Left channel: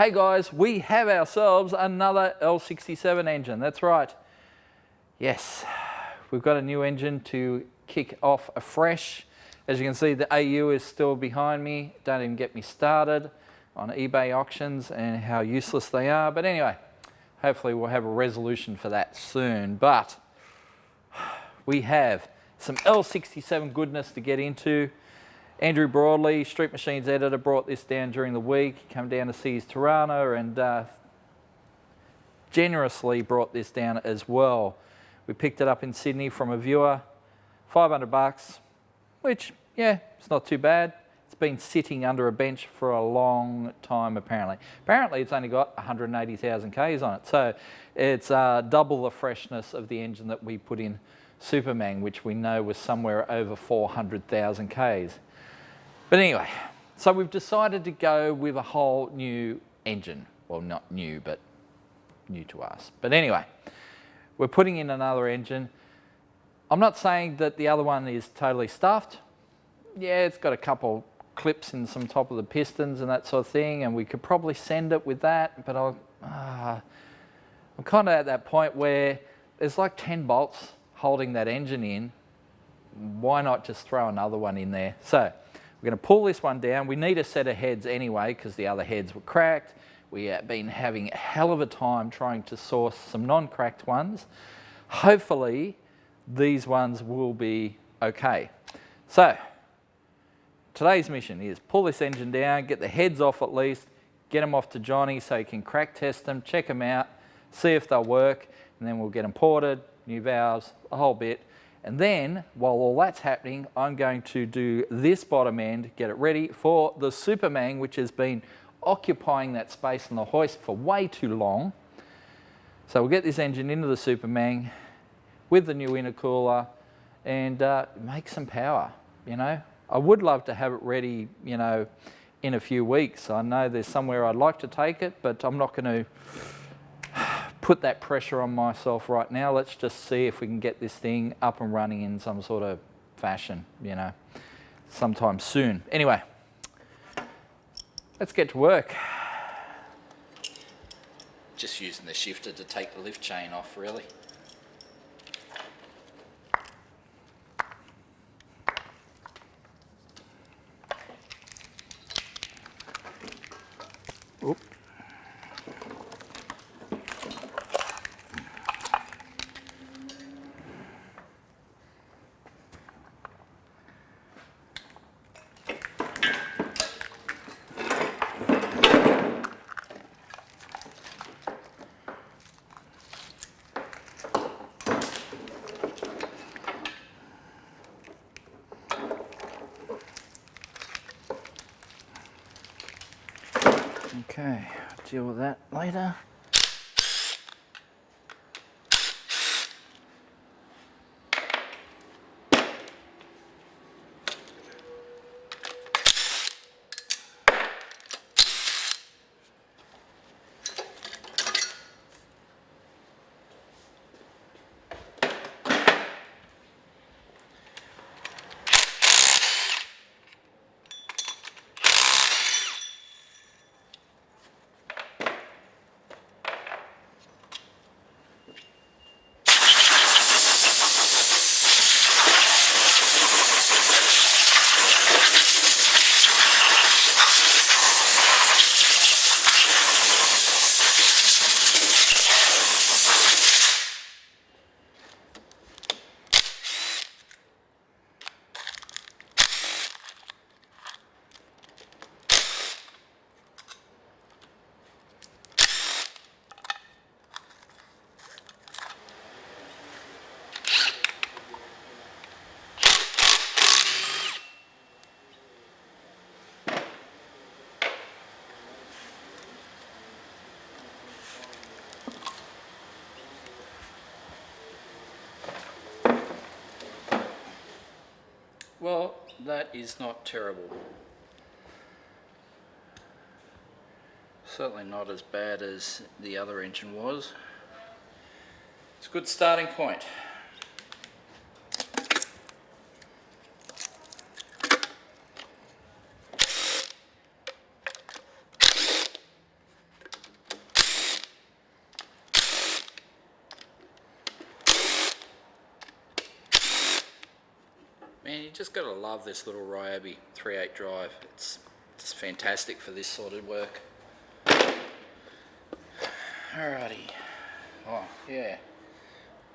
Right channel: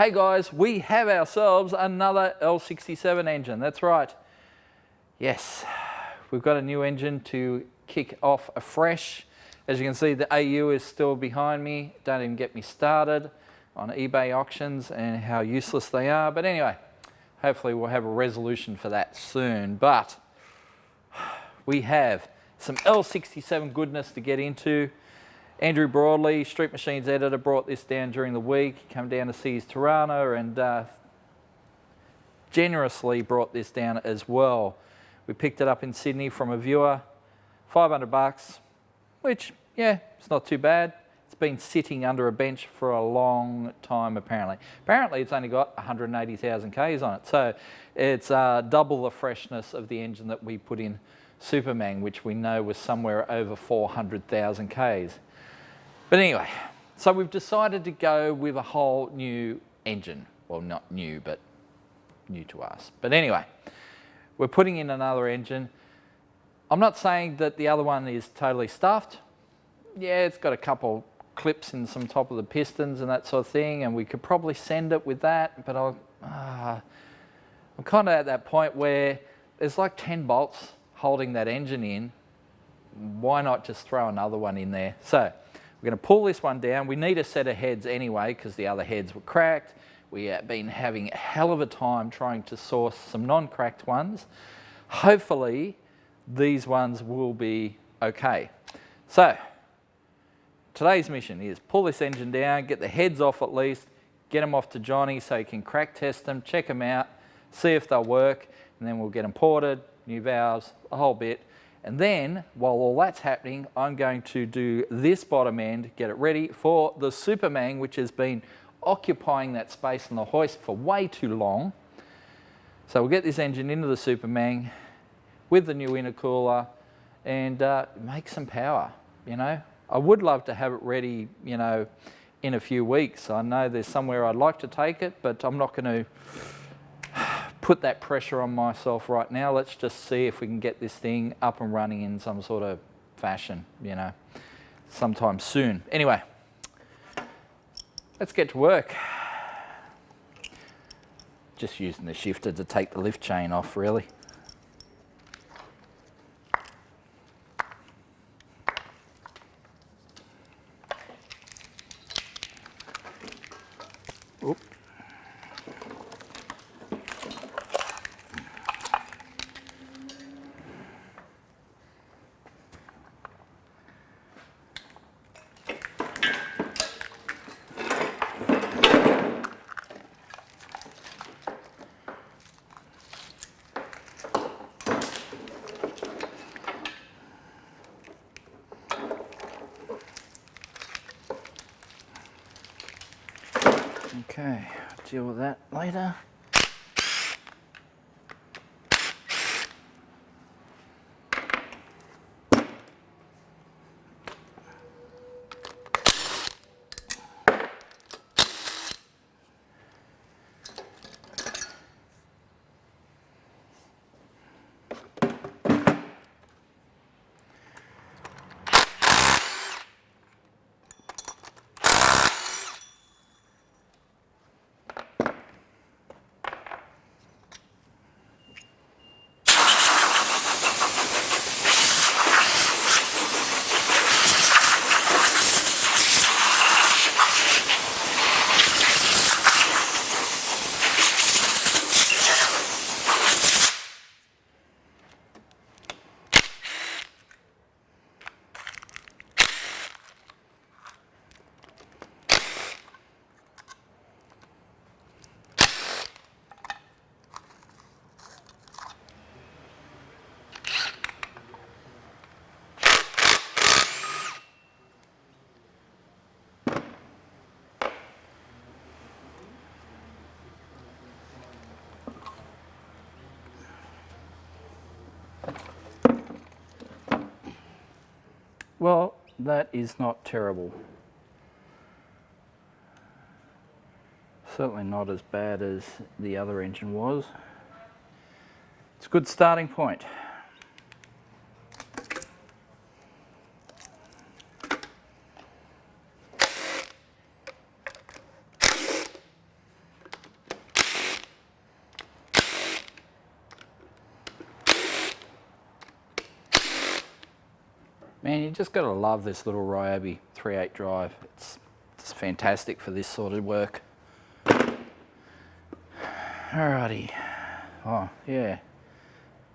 Hey guys, we have ourselves another L67 engine. That's right. Yes, we've got a new engine to kick off afresh. As you can see, the AU is still behind me. Don't even get me started on eBay auctions and how useless they are. But anyway, hopefully we'll have a resolution for that soon. But we have some L67 goodness to get into. Andrew Broadley, Street Machines editor, brought this down during the week. He came down to see his Tirana and generously brought this down as well. We picked it up in Sydney from a viewer, $500, which, yeah, it's not too bad. It's been sitting under a bench for a long time, apparently. Apparently, it's only got 180,000 Ks on it, so it's double the freshness of the engine that we put in Supermang, which we know was somewhere over 400,000 Ks. But anyway, so we've decided to go with a whole new engine. Well, not new, but new to us. But anyway, we're putting in another engine. I'm not saying that the other one is totally stuffed. Yeah, it's got a couple clips in some top of the pistons and that sort of thing, and we could probably send it with that, but I'm kind of at that point where there's like 10 bolts holding that engine in. Why not just throw another one in there? So we're going to pull this one down. We need a set of heads anyway because the other heads were cracked. We have been having a hell of a time trying to source some non-cracked ones. Hopefully these ones will be okay. So today's mission is pull this engine down, get the heads off at least, get them off to Johnny so he can crack test them, check them out, see if they'll work, and then we'll get them ported, new valves, a whole bit. And then, while all that's happening, I'm going to do this bottom end, get it ready for the Supermang, which has been occupying that space on the hoist for way too long. So we'll get this engine into the Supermang with the new intercooler and make some power, you know. I would love to have it ready, you know, in a few weeks. I know there's somewhere I'd like to take it, but I'm not going to put that pressure on myself right now. Let's just see if we can get this thing up and running in some sort of fashion, you know, sometime soon. Anyway, let's get to work. Just using the shifter to take the lift chain off, really. Oop. Okay, deal with that later. Well, that is not terrible. Certainly not as bad as the other engine was. It's a good starting point. Man, you just got to love this little Ryobi 3.8 drive. It's fantastic for this sort of work. Alrighty. Oh, yeah.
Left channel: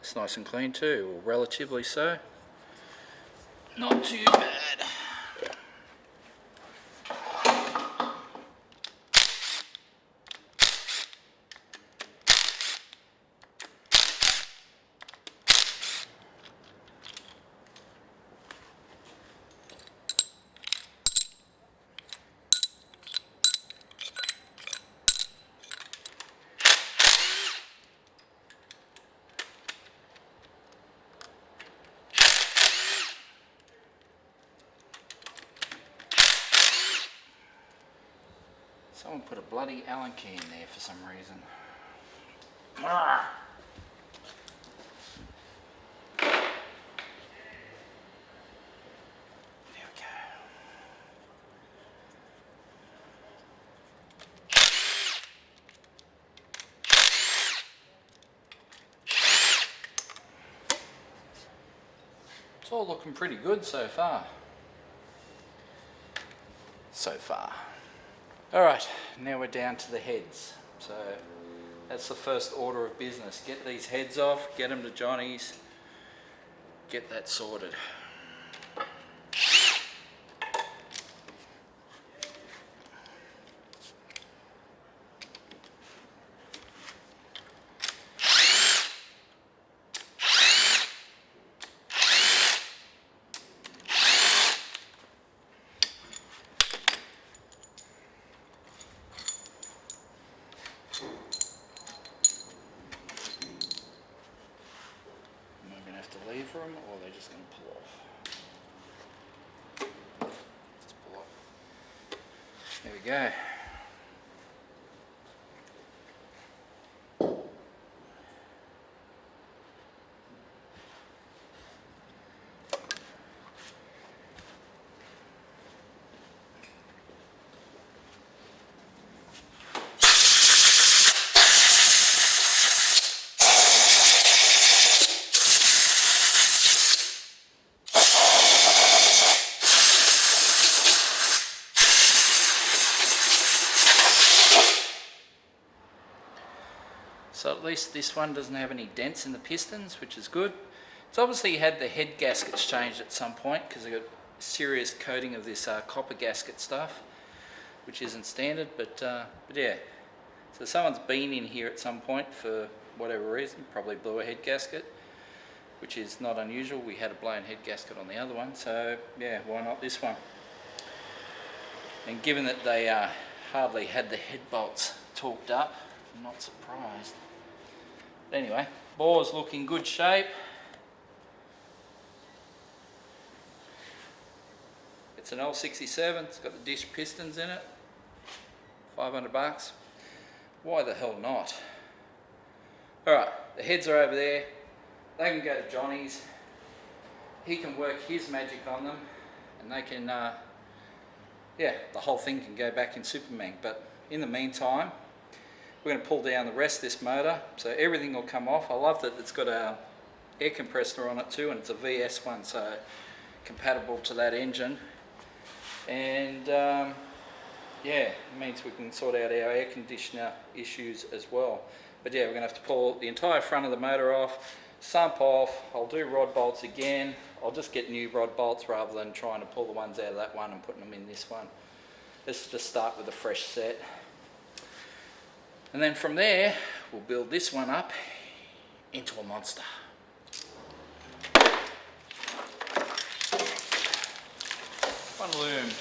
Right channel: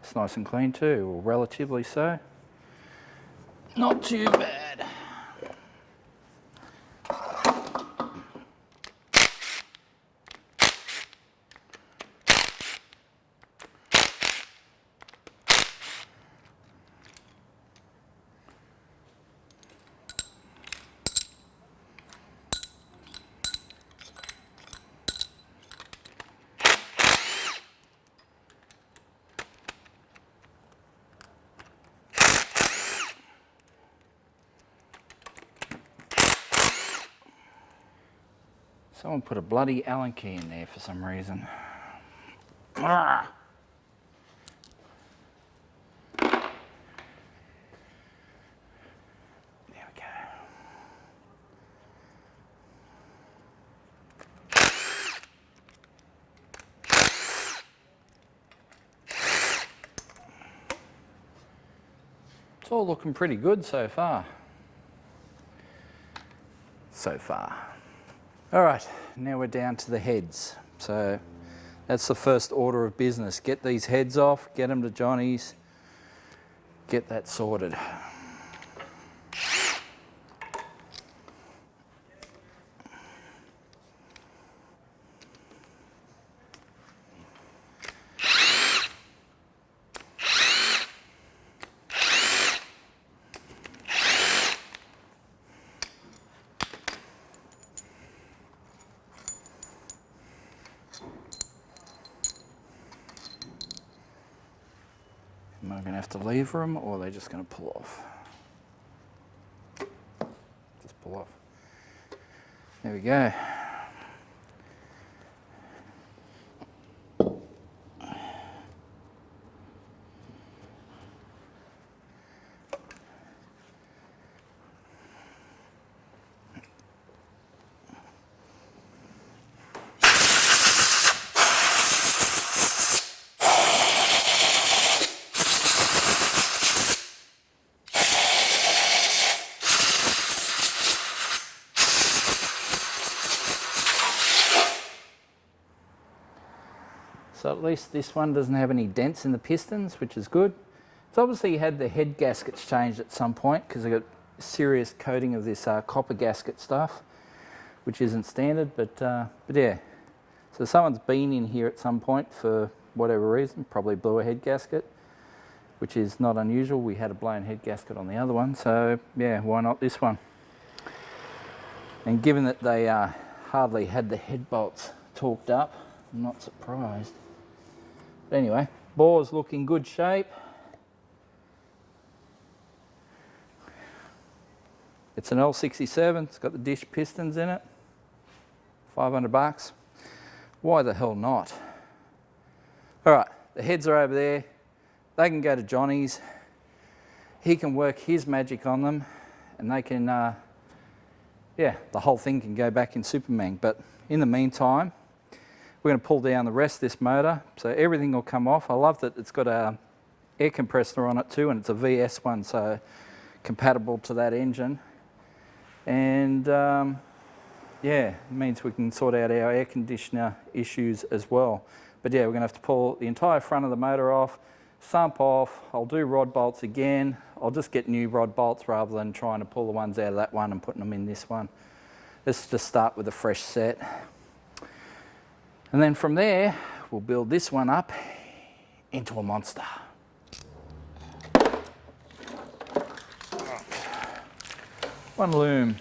It's nice and clean too, or relatively so. Not too bad. Someone put a bloody Allen key in there for some reason. Ah. There we go. It's all looking pretty good so far. All right, now we're down to the heads. So that's the first order of business. Get these heads off, get them to Johnny's, get that sorted. Am I going to have to lever them, or are they just going to pull off? Just pull off. There we go. So at least this one doesn't have any dents in the pistons, which is good. It's obviously had the head gaskets changed at some point because they got serious coating of this copper gasket stuff, which isn't standard, but yeah. So someone's been in here at some point for whatever reason, probably blew a head gasket, which is not unusual. We had a blown head gasket on the other one, so yeah, why not this one? And given that they hardly had the head bolts torqued up, I'm not surprised. But anyway, bore's looking good shape. It's an L67, it's got the dish pistons in it. $500. Why the hell not? All right, the heads are over there. They can go to Johnny's. He can work his magic on them, and they can, yeah, the whole thing can go back in Supermang. But in the meantime, we're going to pull down the rest of this motor, so everything will come off. I love that it's got a air compressor on it too, and it's a VS one, so compatible to that engine. And yeah, it means we can sort out our air conditioner issues as well. But yeah, we're going to have to pull the entire front of the motor off, sump off. I'll do rod bolts again. I'll just get new rod bolts rather than trying to pull the ones out of that one and putting them in this one. Let's just start with a fresh set. And then from there, we'll build this one up into a monster. One loom.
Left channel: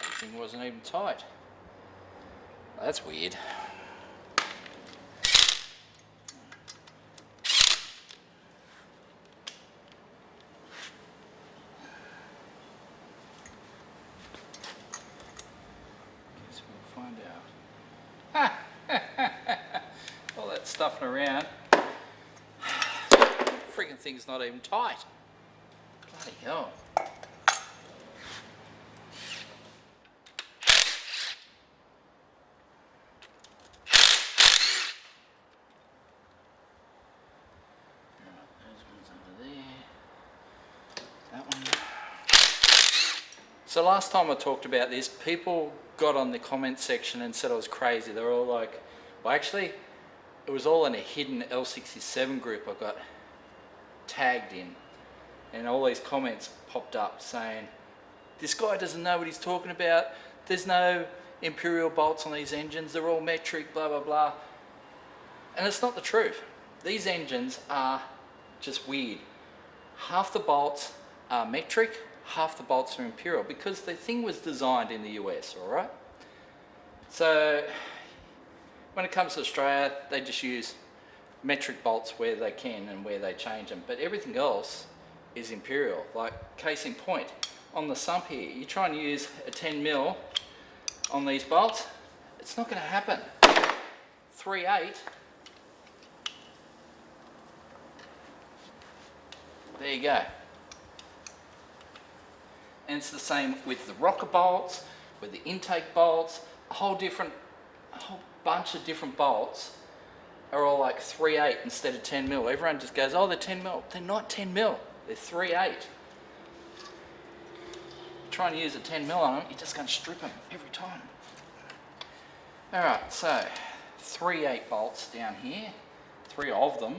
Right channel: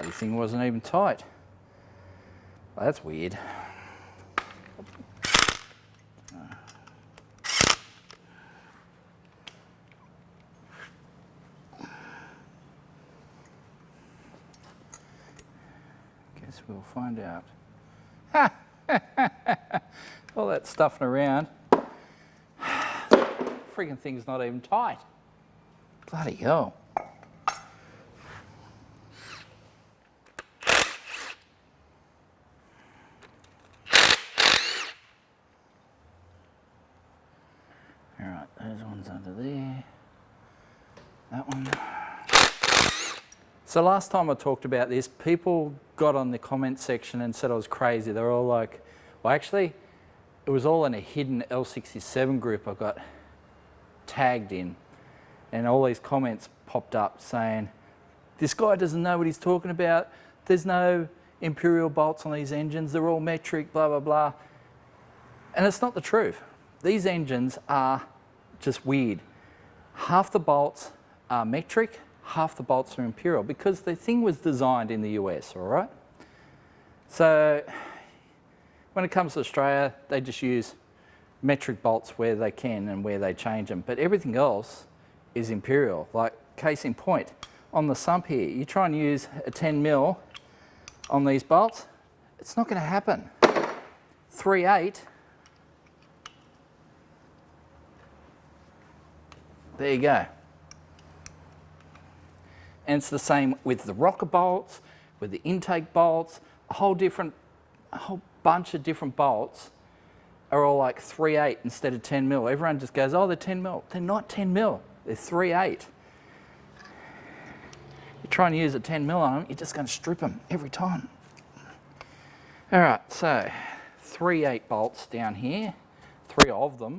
Bloody thing wasn't even tight. That's weird. Guess we'll find out. All that stuffing around. Freaking thing's not even tight. Bloody hell. Alright, those ones under there. That one. So last time I talked about this, people got on the comment section and said I was crazy. They're all like, well actually, it was all in a hidden L67 group I got tagged in. And all these comments popped up saying, this guy doesn't know what he's talking about. There's no imperial bolts on these engines. They're all metric, blah, blah, blah. And it's not the truth. These engines are just weird. Half the bolts are metric, half the bolts are imperial because the thing was designed in the US, all right? So when it comes to Australia, they just use metric bolts where they can and where they change them. But everything else is imperial. Like case in point, on the sump here, you try and use a 10 mil on these bolts, it's not going to happen. 3/8. There you go. And it's the same with the rocker bolts, with the intake bolts, a whole bunch of different bolts are all like 3/8 instead of 10 mil. Everyone just goes, oh, they're 10 mil. They're not 10 mil, they're 3/8. You try and use a 10 mil on them, you're just going to strip them every time. All right, so 3/8 bolts down here, 3 of them.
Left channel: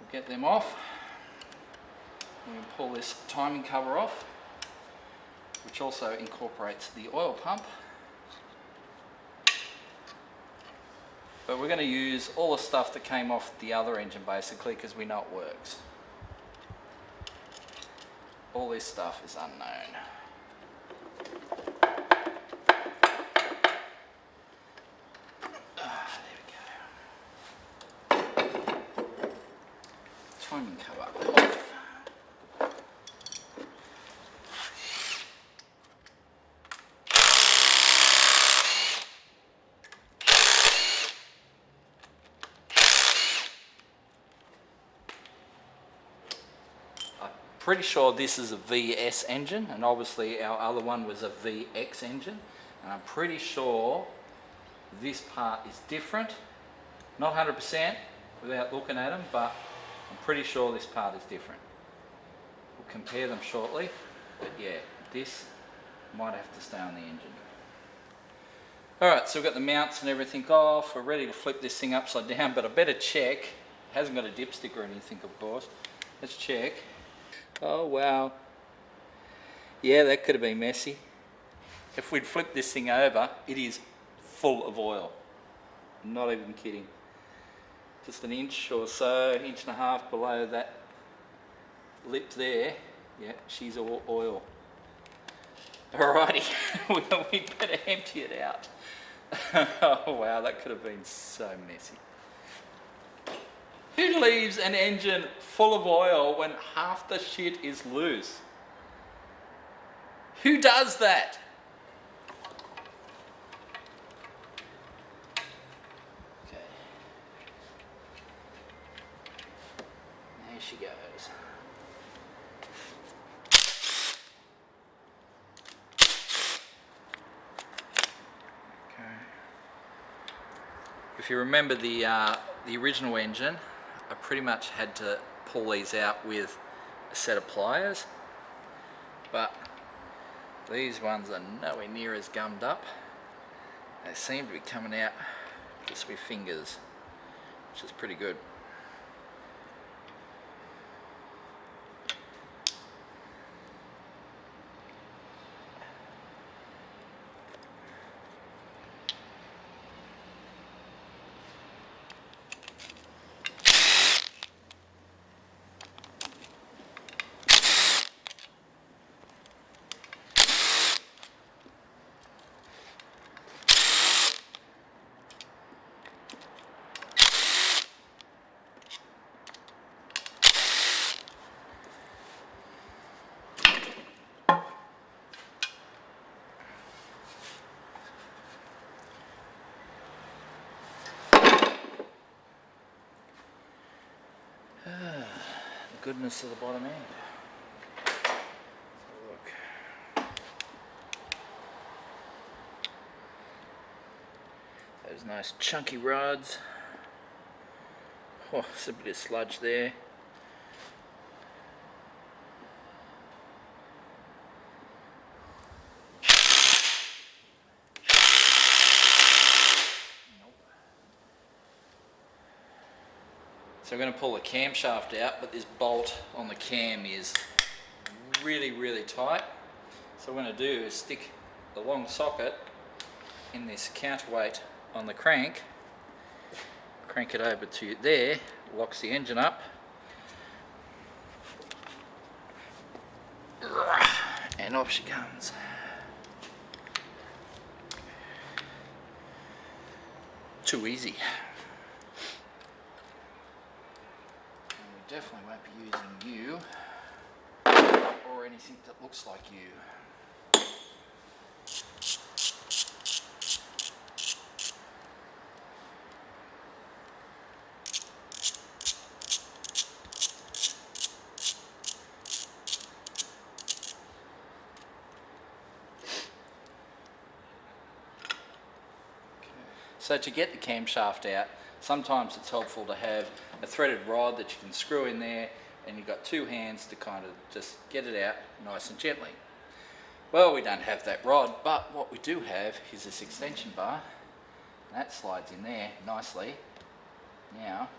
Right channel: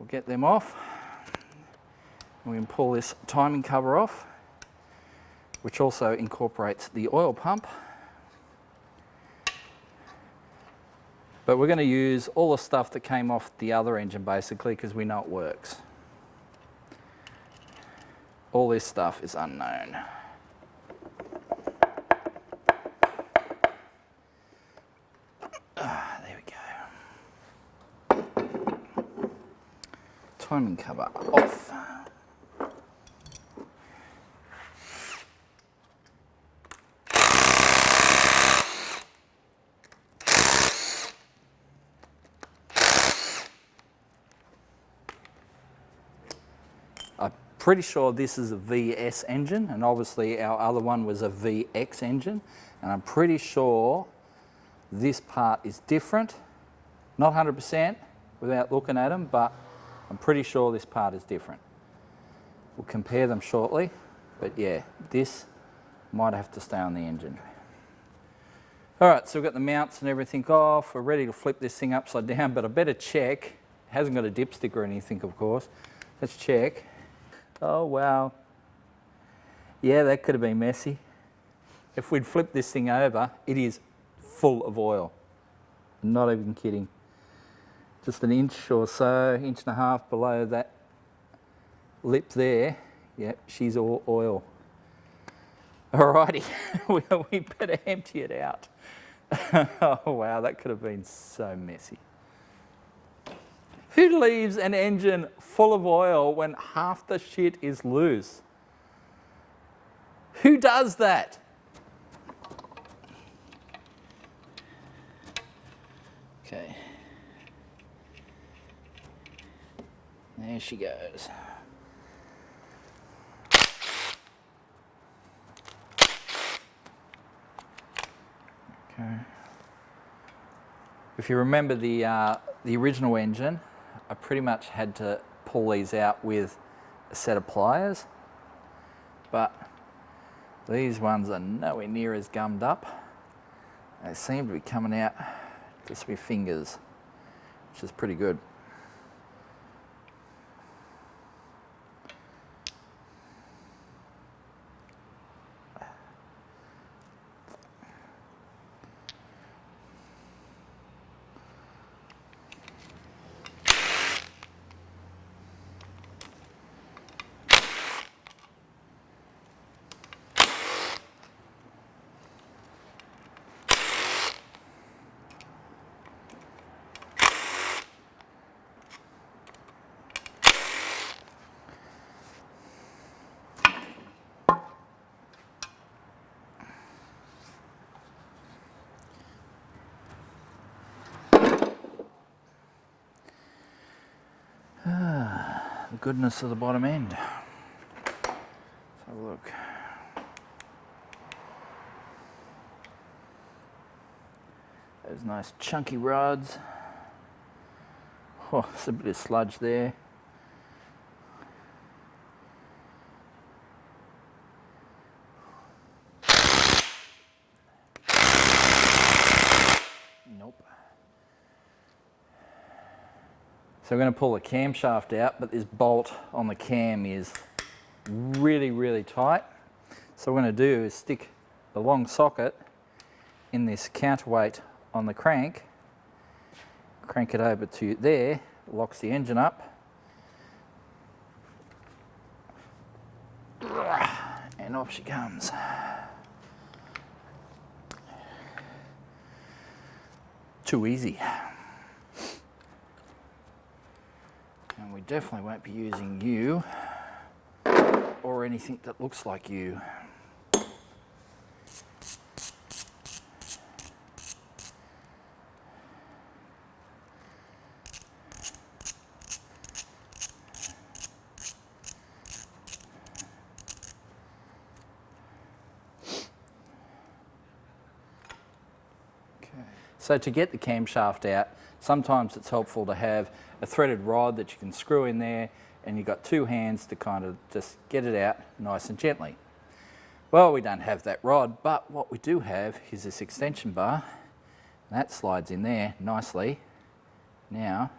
We'll get them off. We can pull this timing cover off, which also incorporates the oil pump. But we're going to use all the stuff that came off the other engine basically because we know it works. All this stuff is unknown. There we go. Timing cover off. Pretty sure this is a VS engine, and obviously our other one was a VX engine, and I'm pretty sure this part is different. Not 100% without looking at them, but I'm pretty sure this part is different. We'll compare them shortly, but yeah, this might have to stay on the engine. All right, so we've got the mounts and everything off. We're ready to flip this thing upside down, but I better check. It hasn't got a dipstick or anything, of course. Let's check. Oh, wow. Yeah, that could have been messy. If we'd flipped this thing over, it is full of oil. I'm not even kidding. Just an inch or so, inch and a half below that lip there. Yeah, she's all oil. Alrighty, we better empty it out. Oh, wow, that could have been so messy. Who leaves an engine full of oil when half the shit is loose? Who does that? Okay. There she goes. Okay. If you remember the original engine, I pretty much had to pull these out with a set of pliers, but these ones are nowhere near as gummed up. They seem to be coming out just with fingers, which is pretty good. the goodness of the bottom end. Let's have a look. Those nice chunky rods. Oh, there's a bit of sludge there. So we're going to pull the camshaft out, but this bolt on the cam is really, really tight. So what we're going to do is stick the long socket in this counterweight on the crank, crank it over to there, locks the engine up, and off she comes. Too easy. Definitely won't be using you or anything that looks like you. So to get the camshaft out, sometimes it's helpful to have a threaded rod that you can screw in there, and you've got two hands to kind of just get it out nice and gently. Well, we don't have that rod, but what we do have is this extension bar. That slides in there nicely. Now,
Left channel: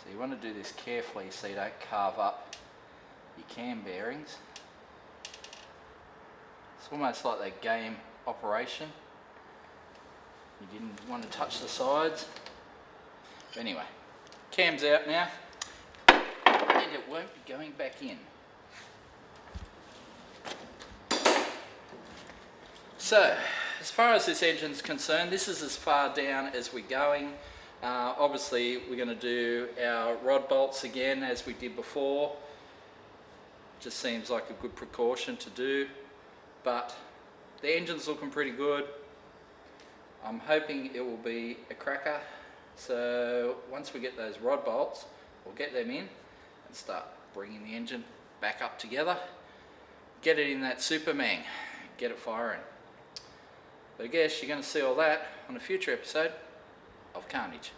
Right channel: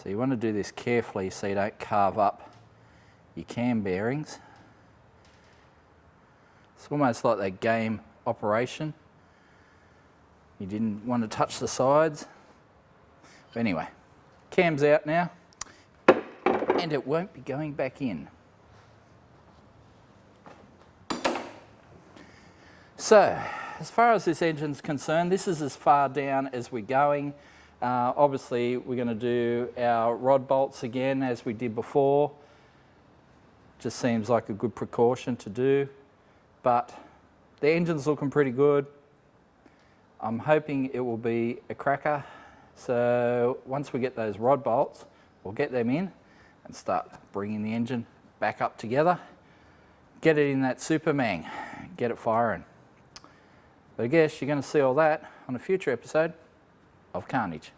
so you want to do this carefully so you don't carve up your cam bearings. It's almost like that game operation. You didn't want to touch the sides. But anyway, cam's out now, and it won't be going back in. So, as far as this engine's concerned, this is as far down as we're going. Obviously, we're going to do our rod bolts again as we did before. Just seems like a good precaution to do. But the engine's looking pretty good. I'm hoping it will be a cracker. So once we get those rod bolts, we'll get them in and start bringing the engine back up together. Get it in that Supermang, get it firing. But I guess you're going to see all that on a future episode of Carnage.